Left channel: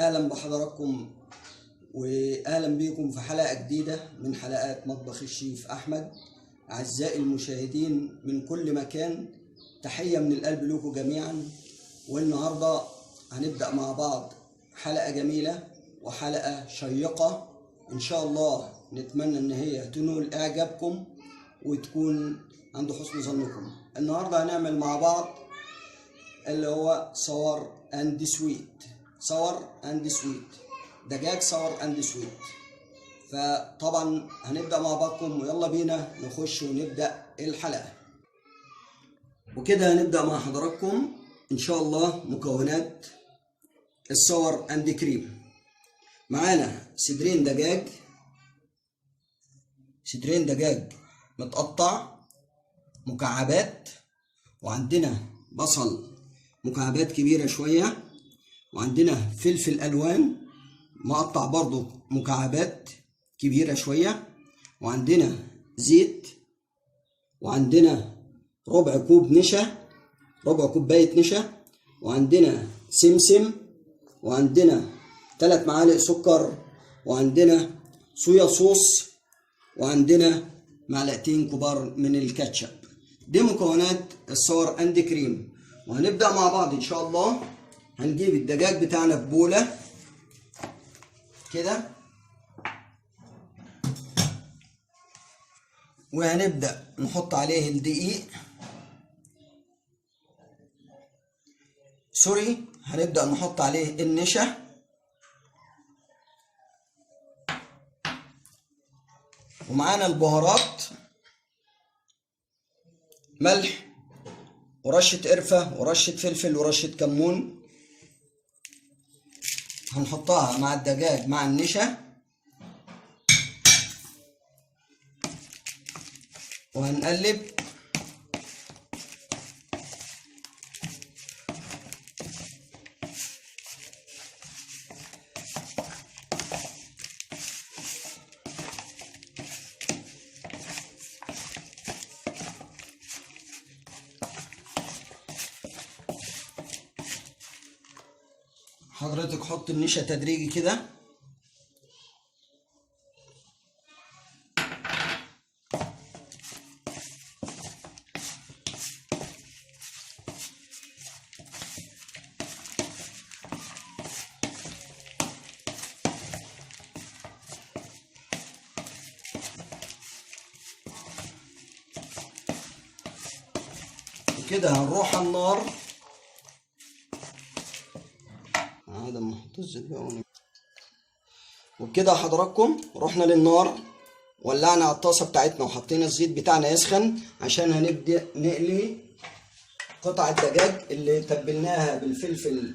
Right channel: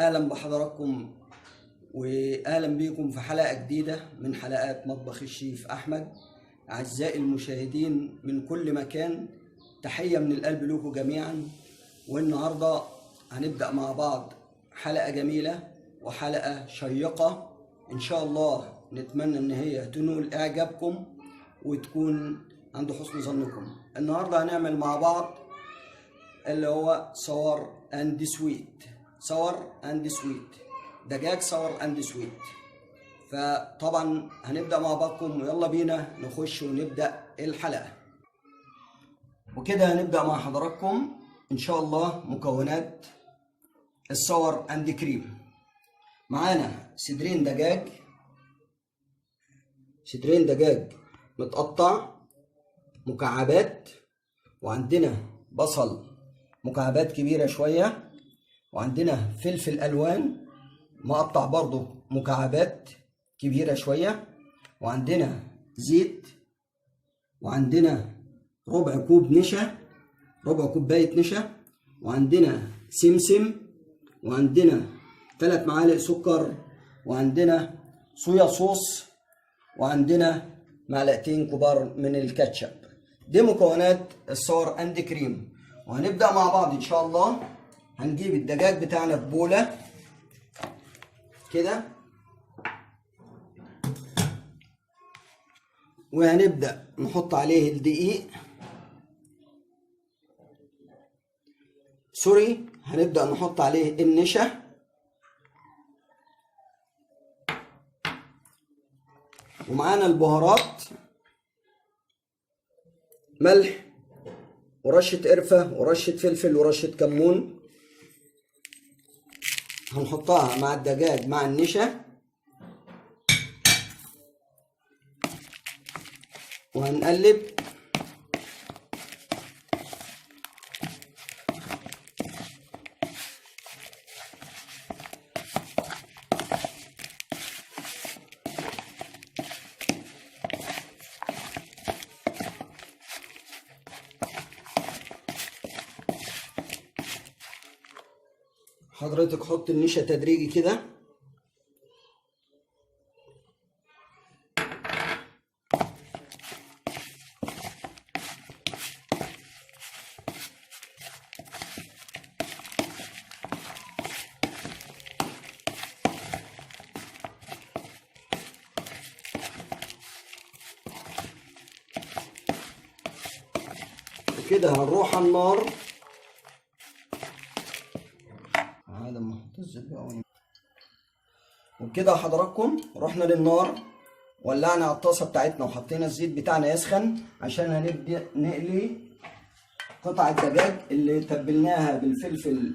اهلا بحضراتكم واهلا بيكم في حلقه جديده من حلقات مطبخ الشيف احمد. اعزائي المشاهدين من كل مكان، تحيه من القلب لكم جميعا. والنهارده هنبدا مع بعض حلقه جميله وحلقه شيقه ان شاء الله. نتمنى ان هي تنول اعجابكم وتكون عند حسن ظنكم. النهارده هنعمل مع بعض اللي هو صور اند سويت، دجاج صور اند سويت. فطبعا هنبدا مع بعضكم ويلا بينا نخش ونبدا الحلقه. وكده هنبدا مع حضراتكم ان شاء الله. مكونات الصور اند كريم: معانا صدرين دجاج متقطع مكعبات، وعندنا بصل مكعبات كبيرة شوية، وعندنا فلفل ألوان مقطع برضو مكعبات كبيرة شوية، وعندنا زيت، وعندنا ربع كوباية نشا، وعندنا سمسم، وعندنا 3 معالق سكر، وعندنا صويا صوص، وعندنا معلقتين كبار من الكاتشب. دي مكونات الصور اند كريم. وهنبدأ مع بعض ان شاء الله. هنجيب الدجاج بتاعنا في بولة كده، وهنبدأ نحط عليه الدقيق. هنبدأ نحط عليه النشا، ومعانا البهارات: ملح ورشة قرفة ورشة فلفل ورشة كمون. هنحطها مع الدجاج مع النشا، وهنقلب. حضرتك حط النشا تدريجي كده، وكده هنروح على النار. وبكده حضراتكم رحنا للنار، ولعنا على الطاسه بتاعتنا وحطينا الزيت بتاعنا يسخن عشان هنبدا نقلي قطع الدجاج اللي تبلناها بالفلفل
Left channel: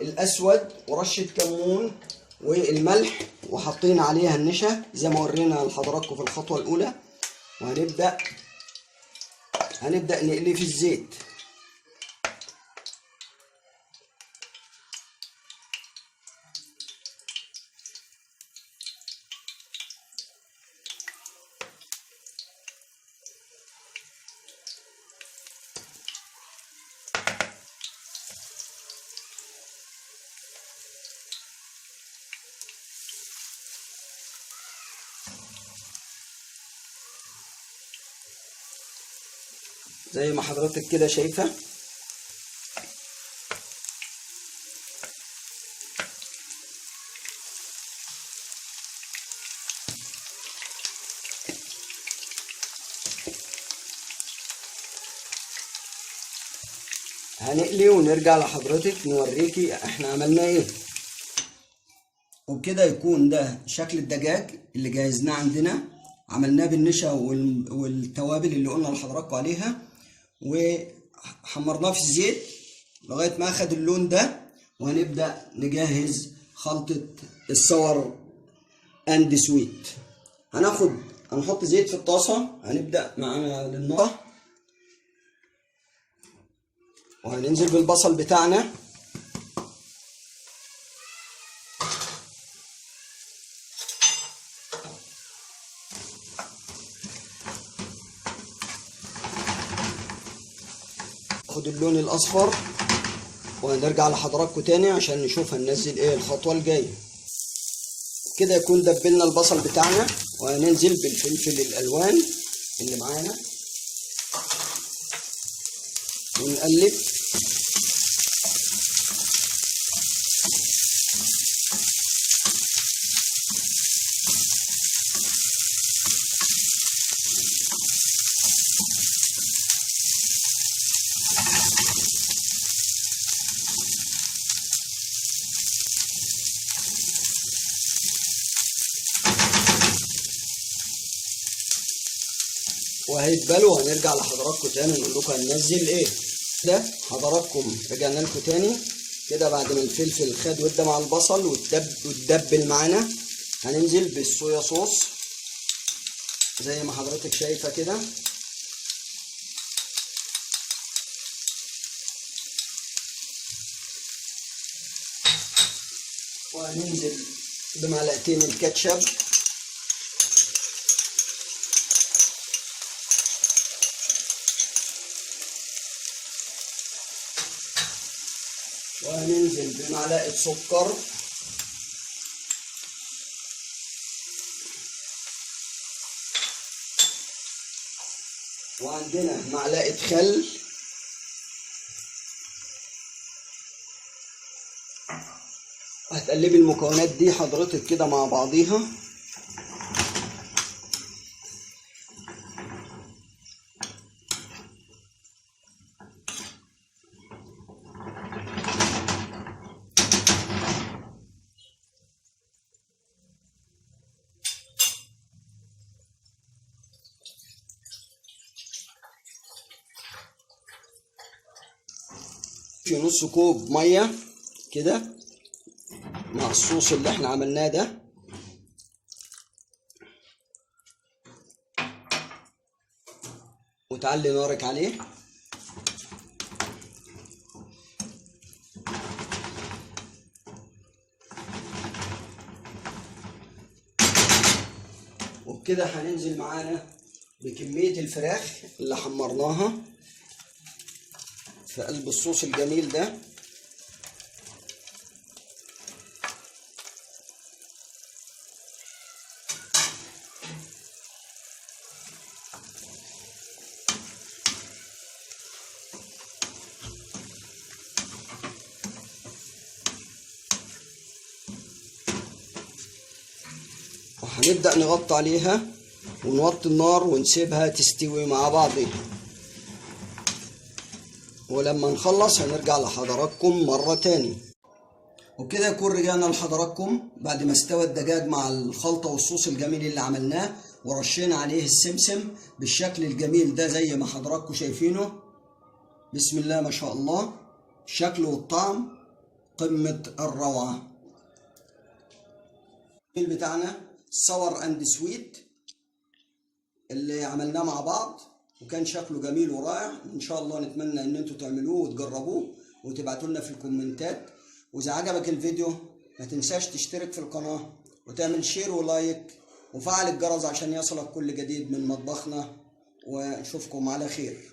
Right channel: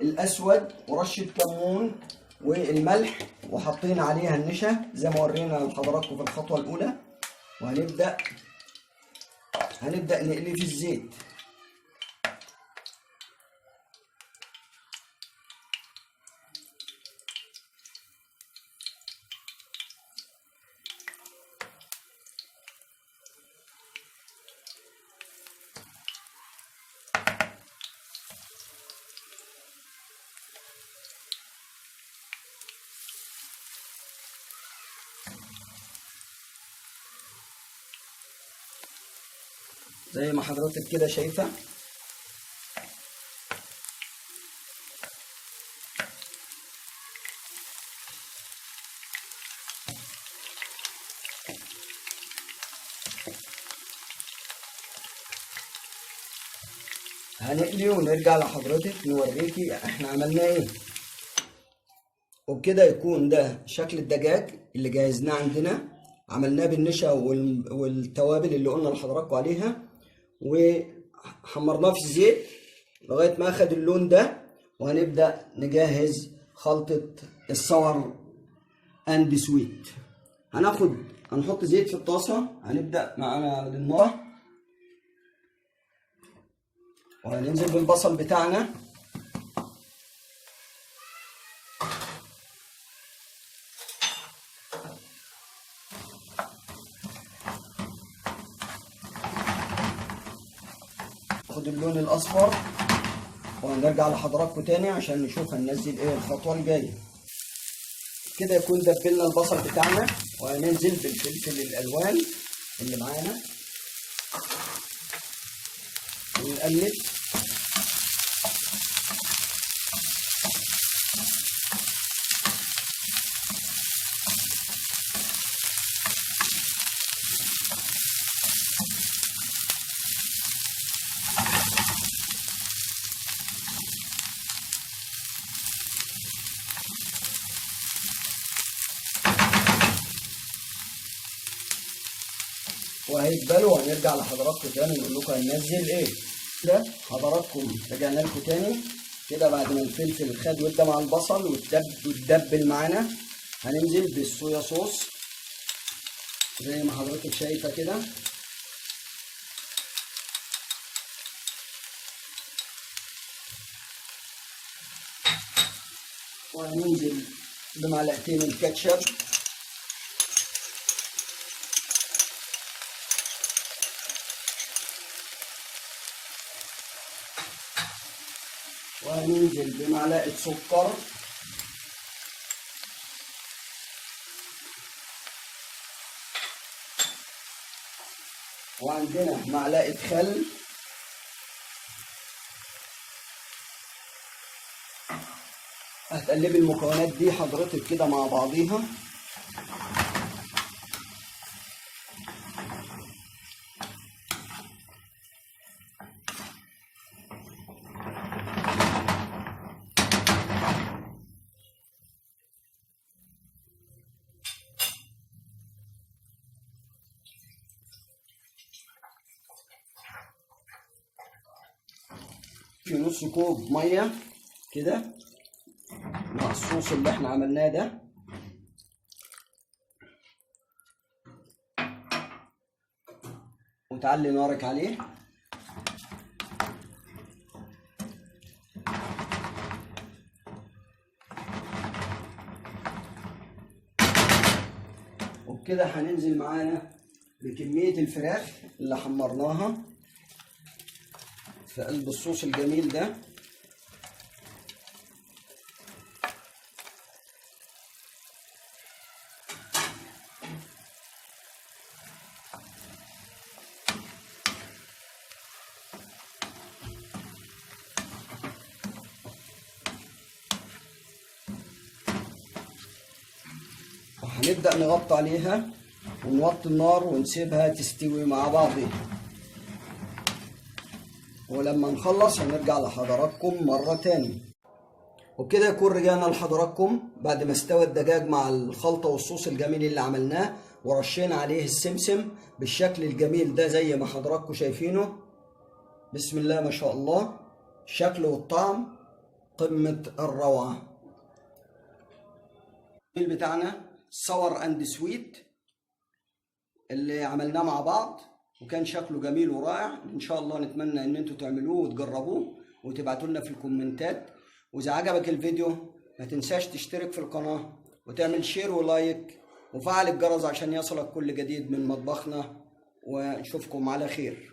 الاسود ورشه كمون والملح، وحطينا عليها النشا زي ما ورينا لحضراتكم في الخطوه الاولى. وهنبدا نقلي في الزيت. زي ما حضرتك كده شايفة. هنقلي ونرجع لحضرتك نوريكي احنا عملنا ايه. وبكده يكون ده شكل الدجاج اللي جهزناه عندنا. عملناه بالنشا والتوابل اللي قلنا لحضراتكم عليها، وحمرناه في الزيت لغايه ما اخد اللون ده. وهنبدا نجهز خلطه الصور اند سويت. هنحط زيت في الطاسه. هنبدا معانا للنار، وهننزل بالبصل بتاعنا. خد اللون الاصفر. وهنرجع لحضراتكم تاني عشان نشوف هننزل ايه الخطوة الجاية. كده يكون دبلنا البصل بتاعنا، وهننزل بالفلفل الالوان اللي معانا ونقلب. وهيتبلوا وهنرجع لحضراتكم تاني نقول لكم هننزل ايه. كده حضراتكم رجعنا لكم تاني كده بعد ما الفلفل خد وده مع البصل وتدبل معانا. هننزل بالصويا صوص زي ما حضرتك شايفه كده، وهننزل بمعلقتين الكاتشب، وهننزل بمعلقة سكر، وعندنا معلقة خل، هتقلبي المكونات دي حضرتك كده مع بعضيها. في نص كوب ميه كده مع الصوص اللي احنا عملناه ده، وتعلي نارك عليه. وبكده هننزل معانا بكمية الفراخ اللي حمرناها في قلب الصوص الجميل ده. وهنبدأ نغطي عليها ونوطي النار ونسيبها تستوي مع بعضها، ولما نخلص هنرجع لحضراتكم مرة تاني. وبكده يكون رجعنا لحضراتكم بعد ما استوى الدجاج مع الخلطة والصوص الجميل اللي عملناه، ورشينا عليه السمسم بالشكل الجميل ده زي ما حضراتكم شايفينه. بسم الله ما شاء الله، الشكل والطعم قمة الروعة. بتاعنا صور اند سويت اللي عملناه مع بعض، وكان شكله جميل ورائع. ان شاء الله نتمنى ان انتوا تعملوه وتجربوه وتبعتوا لنا في الكومنتات. واذا عجبك الفيديو ما تنساش تشترك في القناة وتعمل شير ولايك وفعل الجرس عشان يصلك كل جديد من مطبخنا، ونشوفكم على خير.